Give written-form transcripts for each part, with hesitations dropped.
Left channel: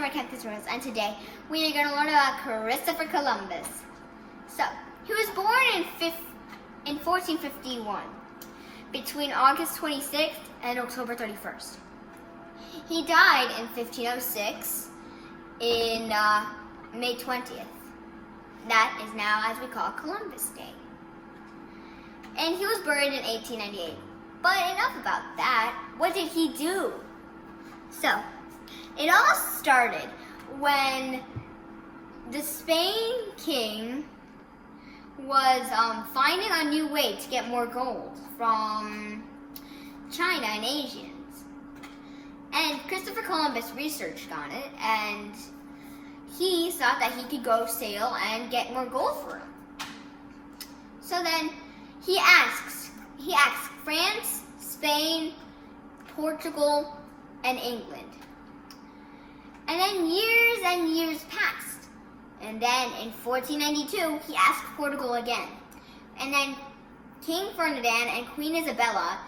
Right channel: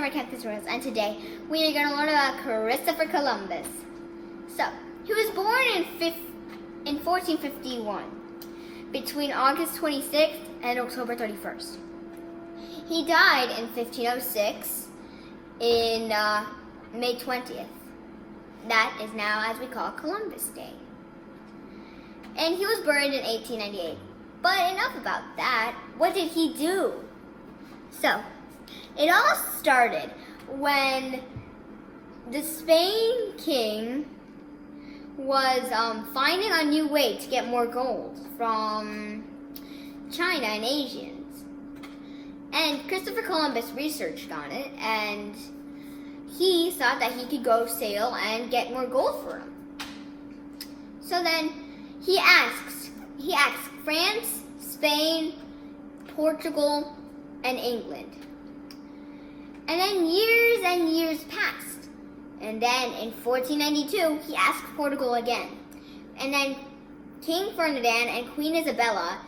Summer Camp Tutorials, and today we are going to learn about Christopher Columbus. So, he was born in 1451, between August 26th and October 31st. He died in 1506, in May 20th. That is now as we call Columbus Day. And he was buried in 1898. But enough about that. What did he do? So, it all started when the Spain king was finding a new way to get more gold from China and Asians. And Christopher Columbus researched on it, and he thought that he could go sail and get more gold for him. So then he asked France, Spain, Portugal, and England. And then years and years passed. And then in 1492, he asked Portugal again. And then King Ferdinand and Queen Isabella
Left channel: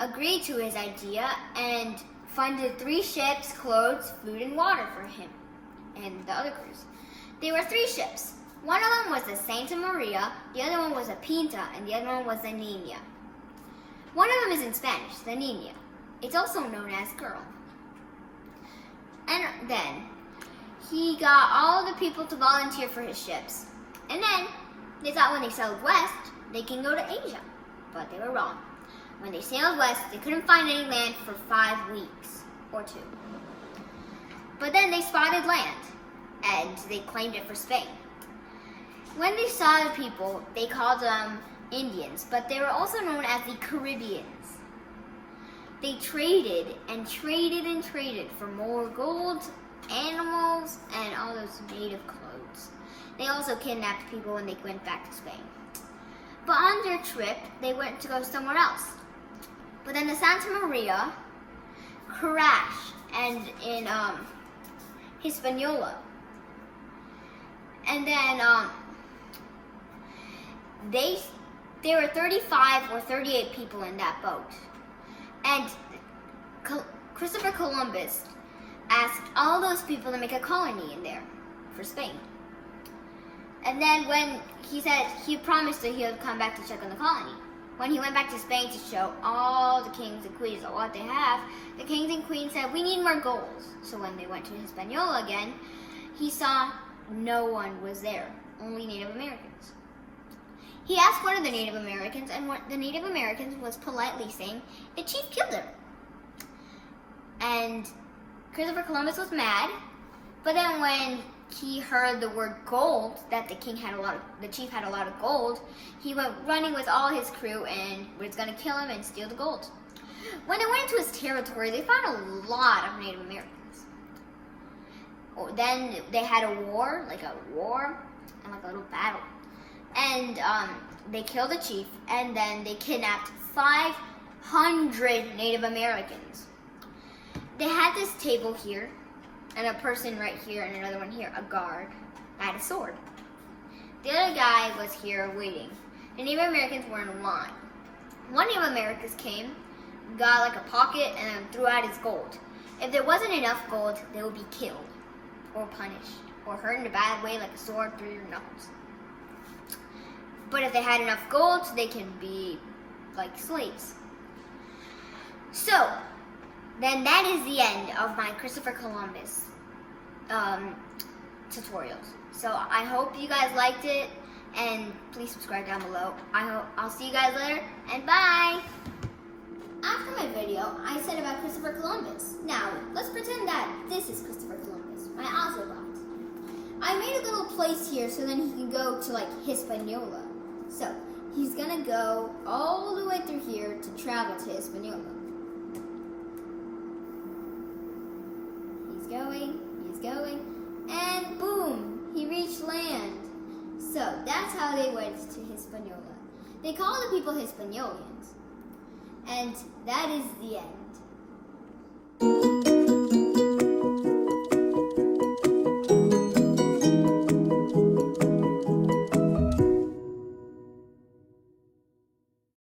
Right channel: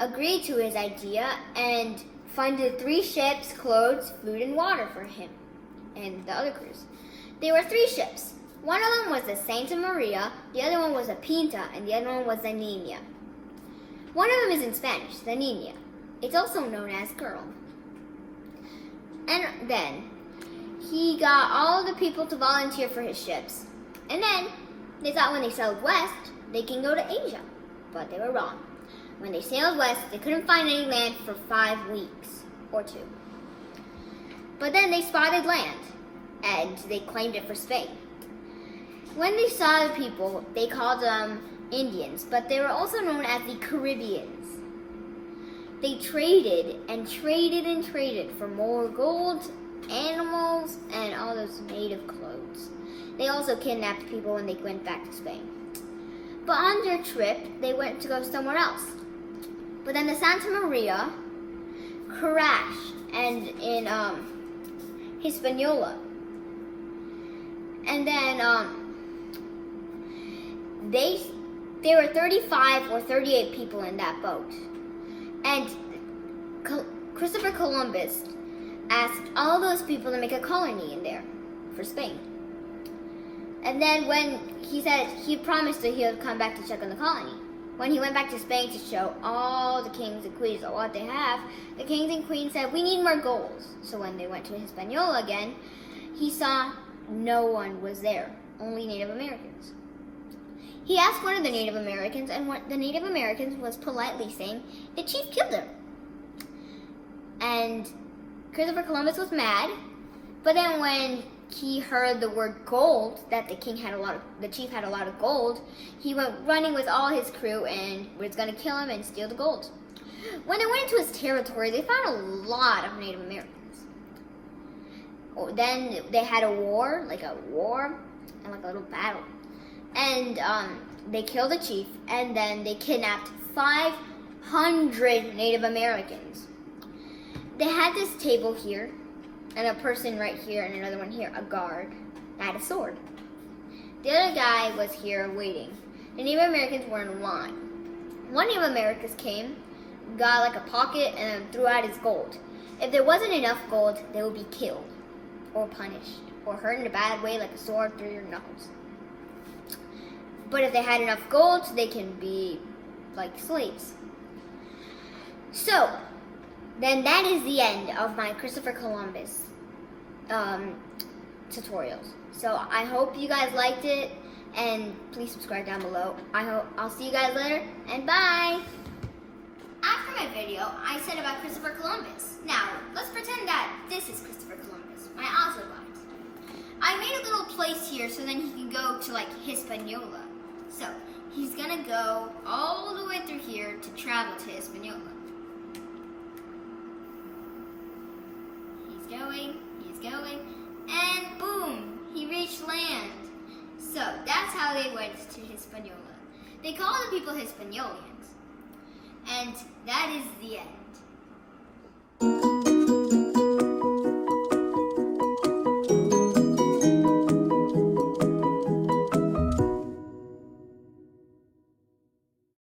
agreed to his idea and funded 3 ships, clothes, food, and water for him and the other crews. There were 3 ships. One of them was the Santa Maria, the other one was the Pinta, and the other one was the Nina. One of them is in Spanish, the Nina. It's also known as girl. And then he got all the people to volunteer for his ships. And then they thought when they sailed west, they can go to Asia. But they were wrong. When they sailed west, they couldn't find any land for 5 weeks or 2. But then they spotted land, and they claimed it for Spain. When they saw the people, they called them Indians, but they were also known as the Caribbeans. They traded and traded and traded for more gold, animals, and all those native clothes. They also kidnapped people when they went back to Spain. But on their trip, they went to go somewhere else. But then the Santa Maria crashed and in Hispaniola. And then there were 35 or 38 people in that boat. And Christopher Columbus asked all those people to make a colony in there for Spain. And then when he said he promised that he would come back to check on the colony. When he went back to Spain to show all the kings and queens what they have, the kings and queens said, "We need more gold." So when they went to Hispaniola again, he saw no one was there, only Native Americans. He asked one of the Native Americans, and the Native Americans was politely saying, "The chief killed him." And Christopher Columbus was mad, but then when he heard the word gold, that the chief had a lot of gold, he went running with all his crew and was going to kill him and steal the gold. When they went into his territory, they found a lot of Native Americans. Then they had a war and like a little battle. And they killed the chief, and then they kidnapped 500 Native Americans. They had this table here, and a person right here, and another one here, a guard, had a sword. The other guy was here waiting. The Native Americans were in line. One Native American came, got like a pocket, and then threw out his gold. If there wasn't enough gold, they would be killed, or punished, or hurt in a bad way, like a sword through your knuckles. But if they had enough gold, they can be like slaves. So, then that is the end of my Christopher Columbus tutorials. So I hope you guys liked it, and please subscribe down below. I'll see you guys later, and bye! After my video, I said about Christopher Columbus. Now, let's pretend that this is Christopher Columbus, my Oslo guide. I made a little place here so then he can go to like Hispaniola. So, he's gonna go all the way through here to travel to Hispaniola. He's going, and boom, he reached land. So, that's how they went to Hispaniola. They call the people Hispaniolians. And that is the end.